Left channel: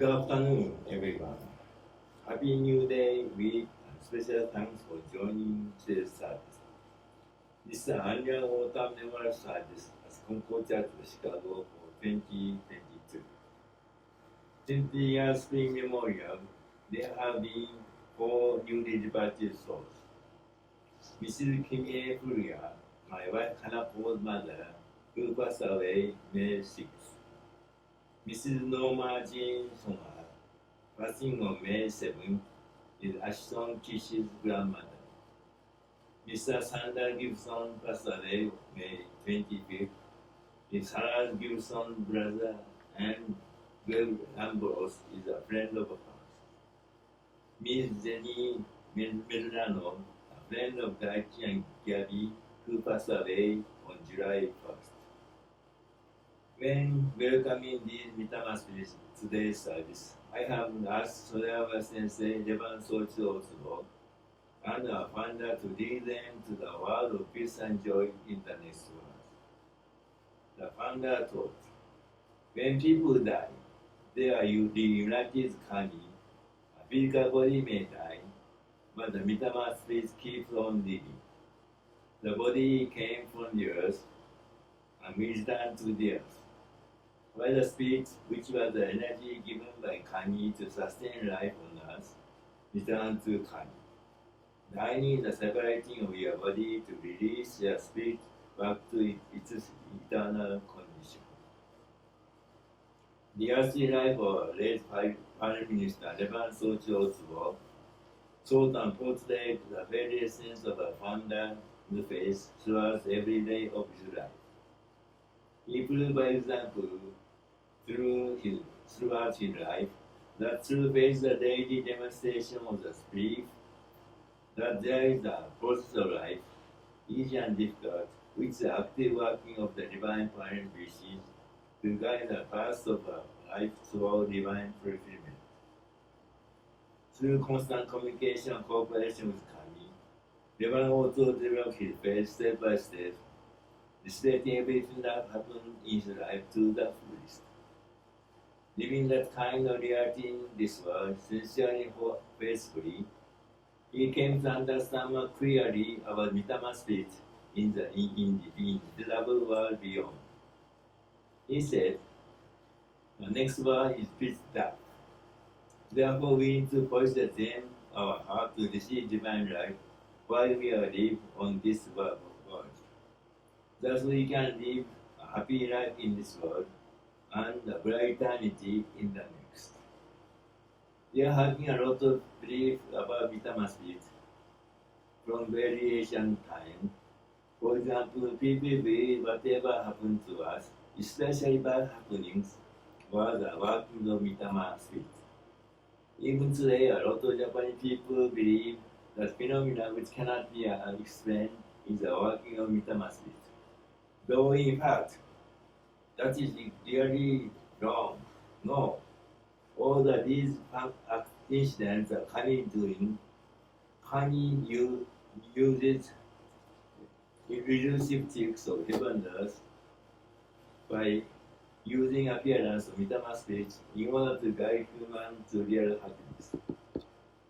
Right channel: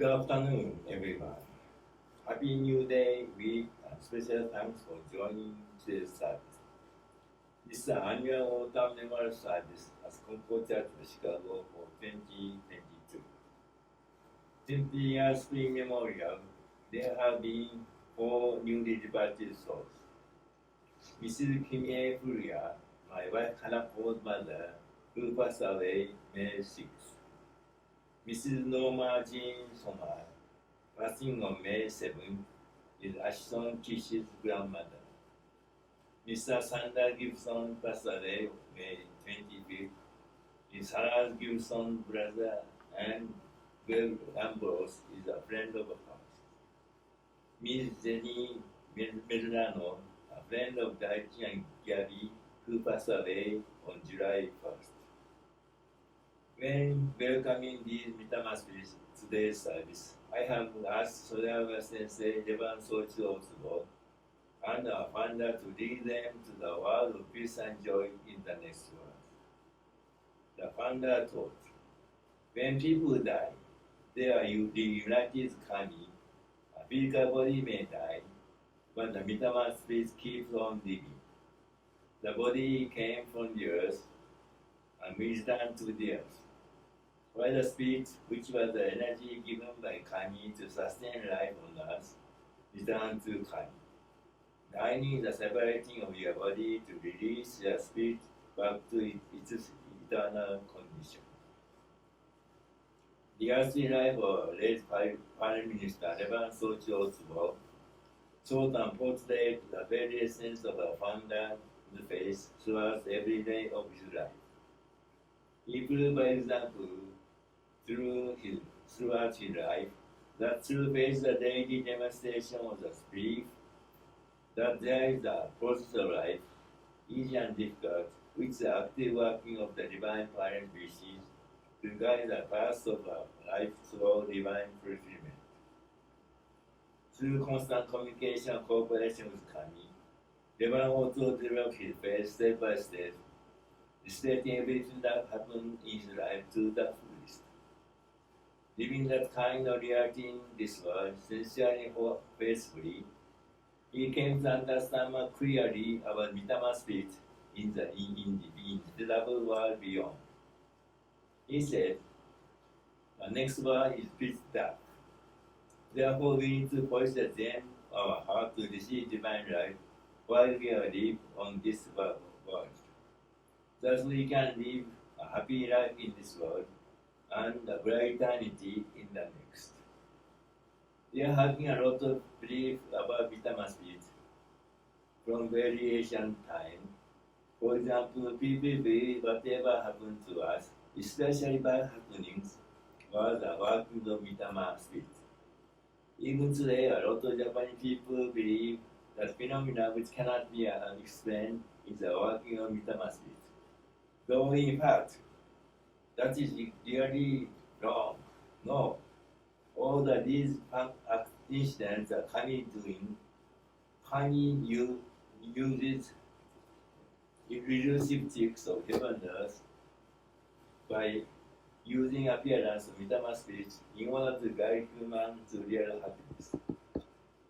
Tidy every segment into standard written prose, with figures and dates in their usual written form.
Good afternoon, everyone. Happy New Day week and special thanks for joining today's service. This is the annual autumn memorial service at Konko Church of Chicago for 2022. Since the year spring memorial, there have been 4 newly departed souls. Mrs. Kimie Furia, my wife Hanako's mother, who passed away May 6th. Mrs. Norma Jean Sommer, passing on May 7th, is Ashton Kish's grandmother. Mr. Sander Gibson passed away May 25th, is Sarah Gibson's brother, and Bill Ambrose is a friend of hers. Miss Jenny Medrano, a friend of Daichi and Gabby, who passed away on July 1st. When welcoming these Mitama spirits to today's service, I have asked Sodawa Sensei Revan Sochi Otsubo and our founder to lead them to the world of peace and joy in the next world. The founder taught, when people die, they are reunited kami. A physical body may die, but the Mitama spirit keeps on living. The body came from the earth and will return to the earth. While the spirit, which was the energy given by kami to sustain life on earth, returned to kami. Dying is the separating of your body to release your spirit back to its eternal condition. The earthly life of late Prime Minister Revan Sochi Otsubo taught and portrayed the very essence of a founder of the faith throughout every day of his life. He proved by example throughout his life that true faith is a daily demonstration of the spirit, that there is a process of life, easy and difficult, which the active working of the divine parent wishes to guide the path of life toward divine fulfillment. Through constant communication and cooperation with Kami, Revan also developed his faith step by step, displaying everything that happened in his life to the fullest. Living that kind of reality in this world, sincerely and faithfully, he came to understand more clearly about Mitama spirit in the invisible world beyond. He said, the next world is pitch dark. Therefore, we need to polish the gem of our heart to receive divine life while we are alive on this world. Thus, we can live a happy life in this world and a bright eternity in the next. We are having a lot of belief about Mitama spirit from very ancient time. For example, people believe whatever happened to us, especially bad happenings, was the working of Mitama spirit. Even today, a lot of Japanese people believe that phenomena which cannot be explained is the working of Mitama spirit. Though in fact, that is really wrong. No. All that these incidents are Kami doing, Kami uses elusive tricks of heaven and earth by using appearance of Mitama spirit in order to guide humans to real happiness.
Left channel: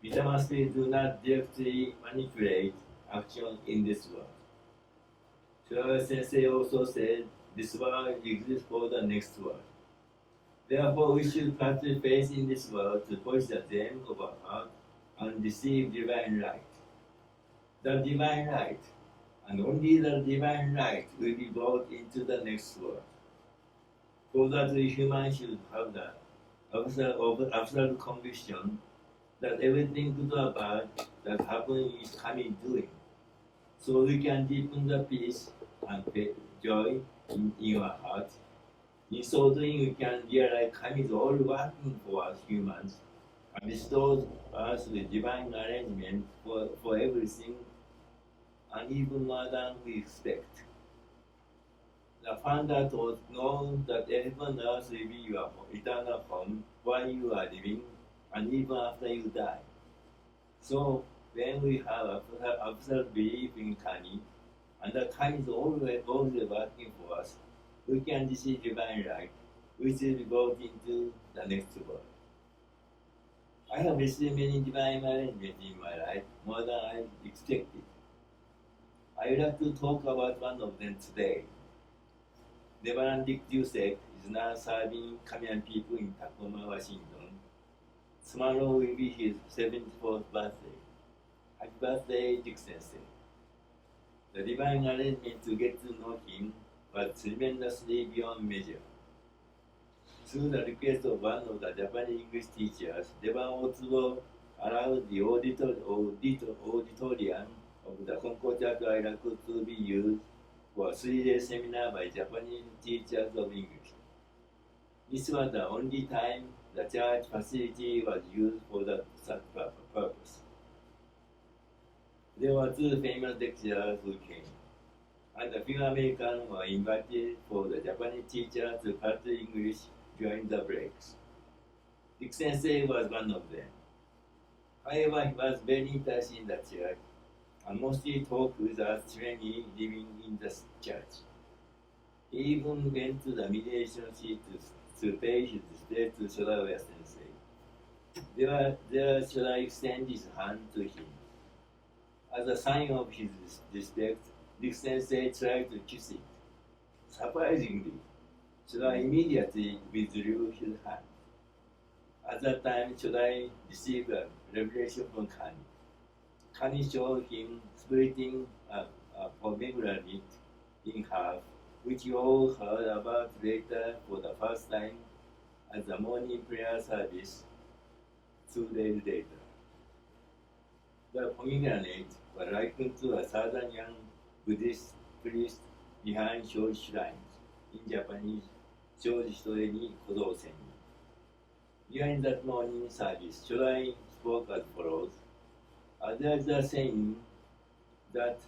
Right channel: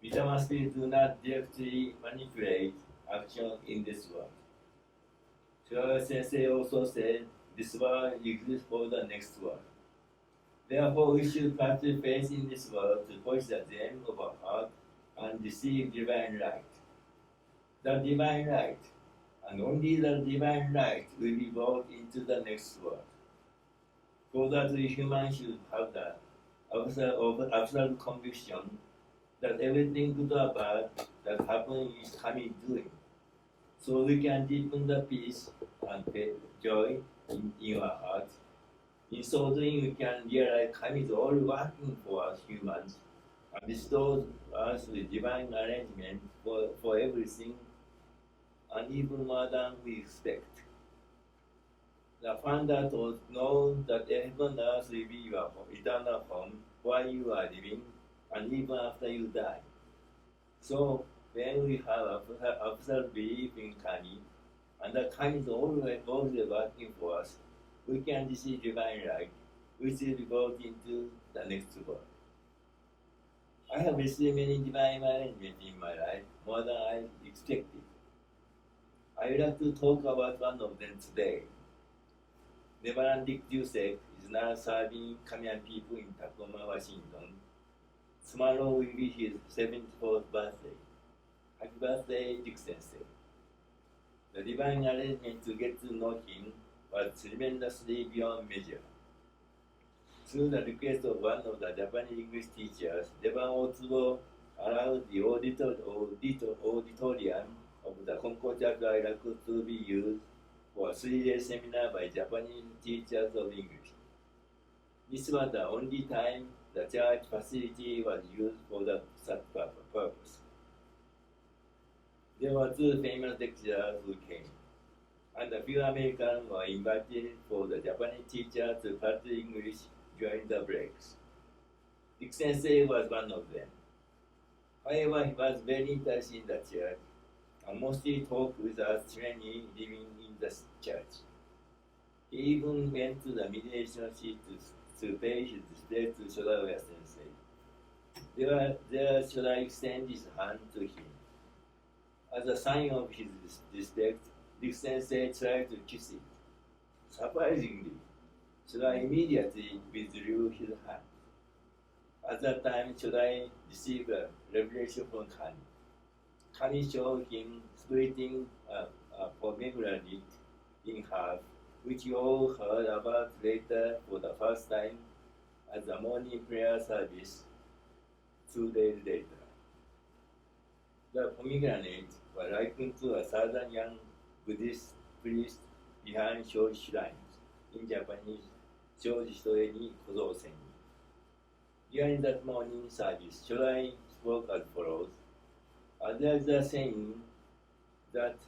Mitama spirits do not directly manipulate action in this world. Shirawa Sensei also said this world exists for the next world. Therefore, we should practice faith in this world to polish the gem of our heart and receive divine light. The divine light, and only the divine light, will be brought into the next world. For that, we humans should have the absolute conviction that everything good or bad that happens is Kami doing. So we can deepen the peace and joy in our heart. In so doing, we can realize Kami is all working for us humans and bestows us with divine arrangement for everything and even more than we expect. The founder taught know that heaven and earth will be your eternal home while you are living and even after you die. So when we have absolute belief in Kami, and that Kami is always working for us, we can receive divine light, which will be brought into the next world. I have received many divine arrangements in my life, more than I expected. I would like to talk about one of them today. Reverend Dick Ducek is now serving Kamian people in Tacoma, Washington. Tomorrow will be his 74th birthday. Happy birthday, Dick Sensei. The divine arrangement to get to know him was tremendously beyond measure. Through the request of one of the Japanese English teachers, Reverend Otsubo allowed the auditorium of the Konko Church of Chicago to be used for a 3-day seminar by Japanese teachers of English. This was the only time the church facility was used for such purpose. There were 2 famous lecturers who came, and a few Americans were invited for the Japanese teacher to practice English during the breaks. Dick Sensei was one of them. However, he was very interested in the church and mostly talked with us trainees living in the church. He even went to the mediation seat to pay his respect to Shodawa Sensei. There should I extend his hand to him. As a sign of his respect, Dick Sensei tried to kiss it. Surprisingly, Shodawa immediately withdrew his hand. At that time, Shodawa received a revelation from Kani. Kani showed him splitting a pomegranate in half, which you all heard about later for the first time at the morning prayer service 2 days later. The pomegranate was likened to a southern young Buddhist priest behind Shoji shrines, in Japanese, Shoji Hitoe ni Kozousen ni. During that morning service, Shorai spoke as follows. There is a saying that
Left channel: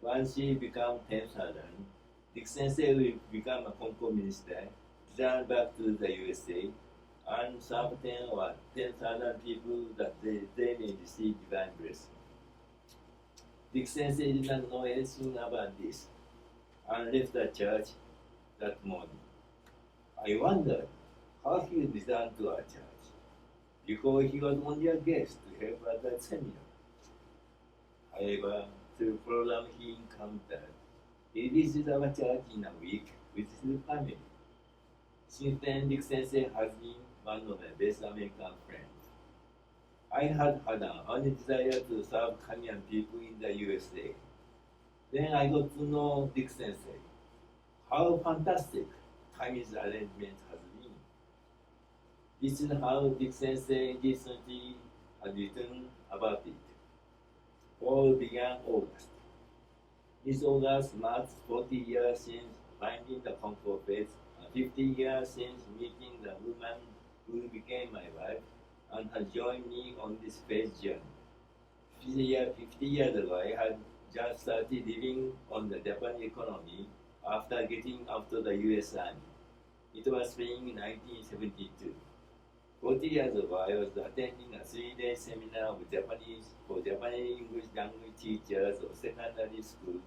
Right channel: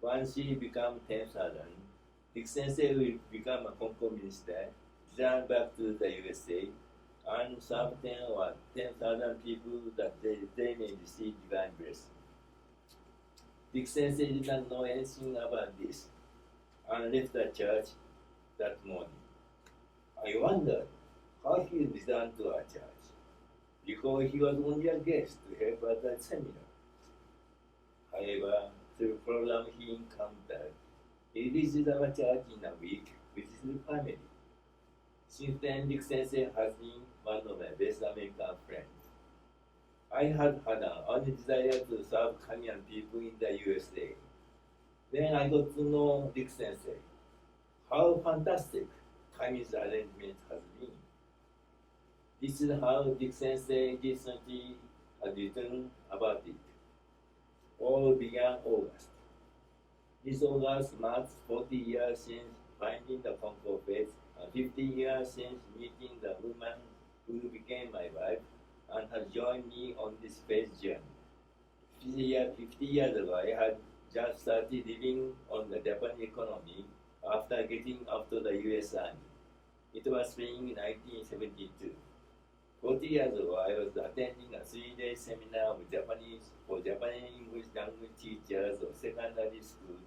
once she becomes 10,000, Dick Sensei will become a Konko minister, return back to the USA, and serve 10 or 10,000 people that they may receive divine blessing. Dick Sensei did not know anything about this and left the church that morning. I wondered how he returned to our church, because he was only a guest to help at that seminar. However, through the program he encountered, he visited our church in a week with his family. Since then, Dick Sensei has been one of my best American friends. I had an earnest desire to serve Kamian people in the USA. Then I got to know Dick Sensei. How fantastic Kami's arrangement has been. This is how Dick Sensei recently has written about it. All began August. This August marks 40 years since finding the Konko faith and 50 years since meeting the woman who became my wife and has joined me on this faith journey. 50 years ago, I had just started living on the Japanese economy after getting out of the US Army. It was spring 1972. 40 years ago, I was attending a 3-day seminar for Japanese English language teachers of secondary school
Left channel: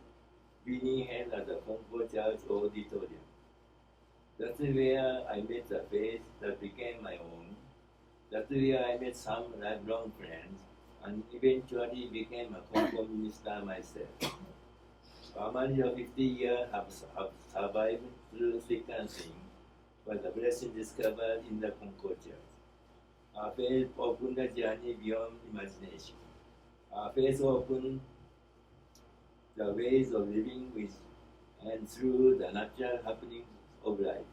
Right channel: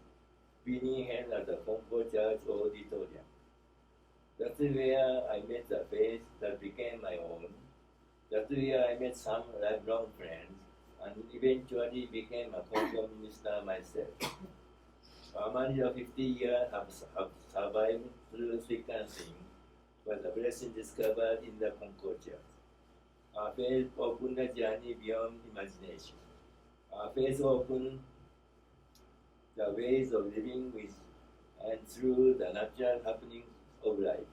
being held at the Konko Church Auditorium. That's where I met the faith that became my own. That's where I met some lifelong friends and eventually became a Konko minister myself. Our marriage of 50 years have survived through thick and thin, but the blessing discovered in the Konko Church. Our faith opened the journey beyond imagination. Our faith opened the ways of living with and through the natural happenings of life.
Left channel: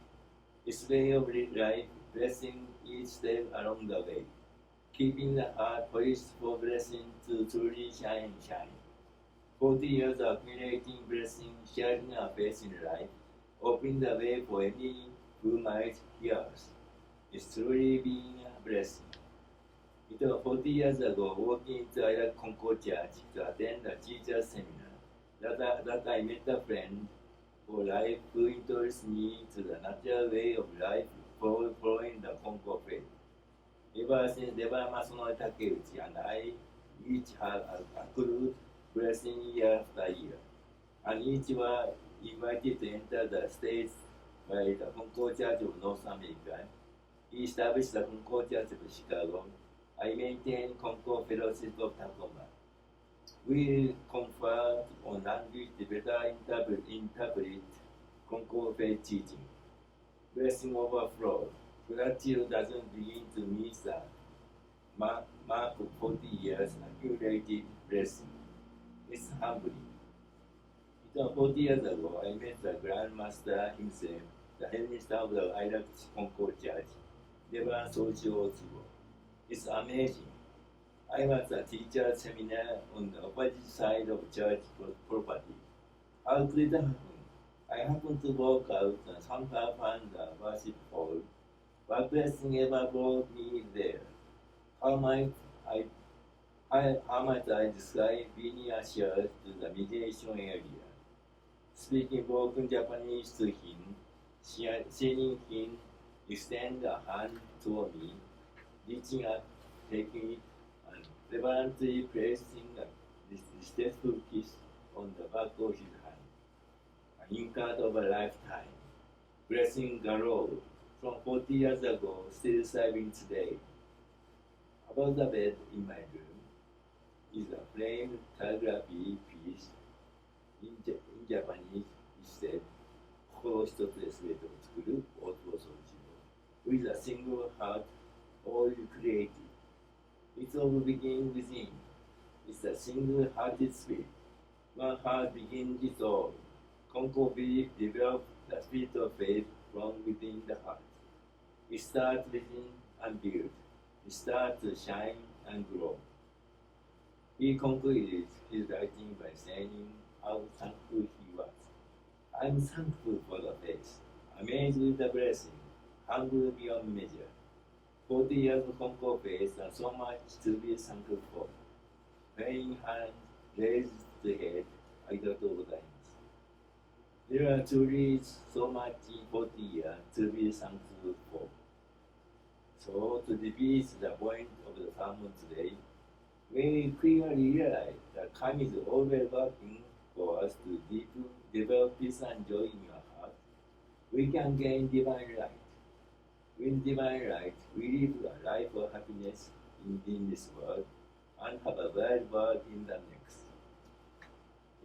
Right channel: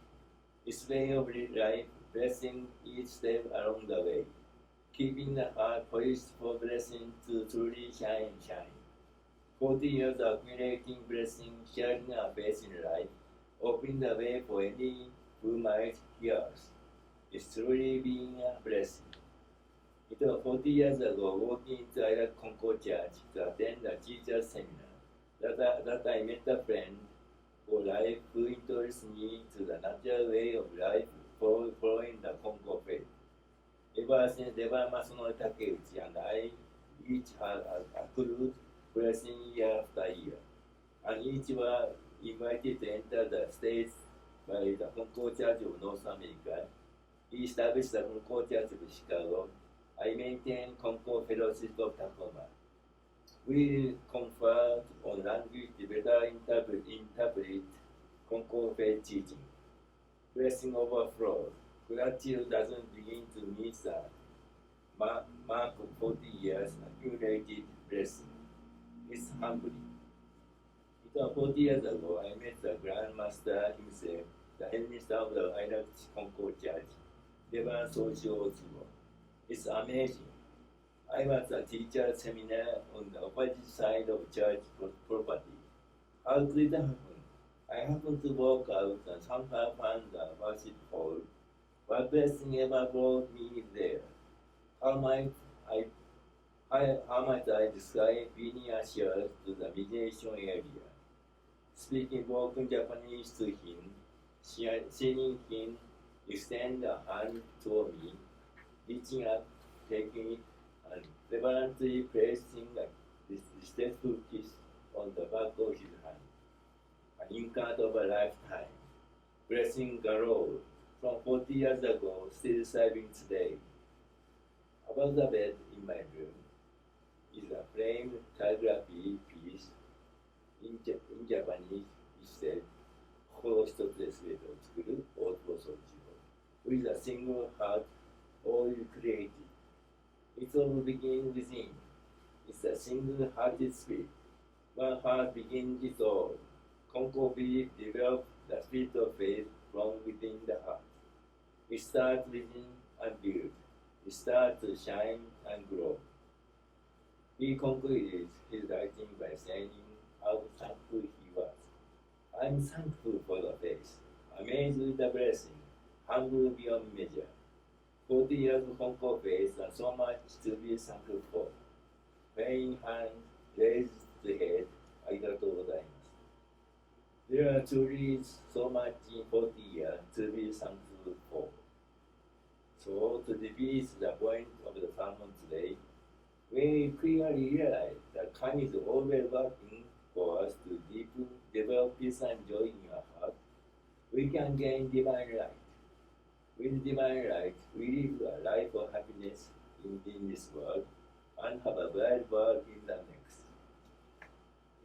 This way of life, blessing each step along the way, keeping the heart poised for blessing to truly shine. 40 years of accumulating blessing, sharing our faith in life, opening the way for any who might hear us. It's truly been a blessing. It was 40 years ago, walking into our Konko Church to attend a teacher's seminar, that I met a friend for life who introduced me to the natural way of life following the Konko faith. Ever since Reverend Masanori Takeuchi and I each have accrued blessing year after year, and each were invited to enter the States by the Konko Church of North America. He established the Konko Church of Chicago I maintain Konko Fellowship of Tacoma. We confer on language to better interpret Konko faith teaching. Blessing overflow. Gratitude doesn't begin to meet the mark of 40 years accumulated blessing. It's humbling. It was 40 years ago, I met the Grand Master himself, the headmaster of the Iraq Konko Church, Reverend Sochi Otsubo. It's amazing. I was a teacher seminar on the opposite side of church property. How could it happen? I happened to walk out and somehow found the worship hall. What blessing ever brought me there? How might I describe being ushered to the meditation area? Speaking broken Japanese to him, seeing him extend a hand toward me, reaching up, taking it, and reverently placing a respectful kiss on the back of his hand. An encounter of a lifetime. Blessing galore from 40 years ago, still serving today. Above the bed in my room is a framed calligraphy piece in Japanese. It said, 心一つで全てを作る大坪総一郎 with a single heart, all you created. It all begins within. It's a single-hearted spirit. One heart begins it all. Konko belief develops the spirit of faith from within the heart. It starts within and builds. It starts to shine and grow. He concluded his writing by saying how thankful he was. I'm thankful for the faith, amazed with the blessing, humble beyond measure. 40 years of Konko faith and so much to be thankful for. Praying hand raised the head, ありがとうございます。There are truly so much in 40 years to be thankful for. So, to repeat the point of the sermon today, when we clearly realize that God is always working for us to deepen, develop peace and joy in our heart, we can gain divine light. With divine light, we live a life of happiness in this world and have a bright world in the next.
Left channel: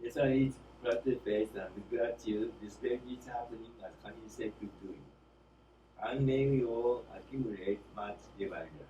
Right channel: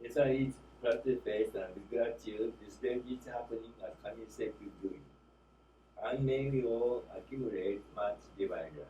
Yes, I each practice faith and with gratitude, despite each happening as Kanye said to doing. And may we all accumulate much divine light.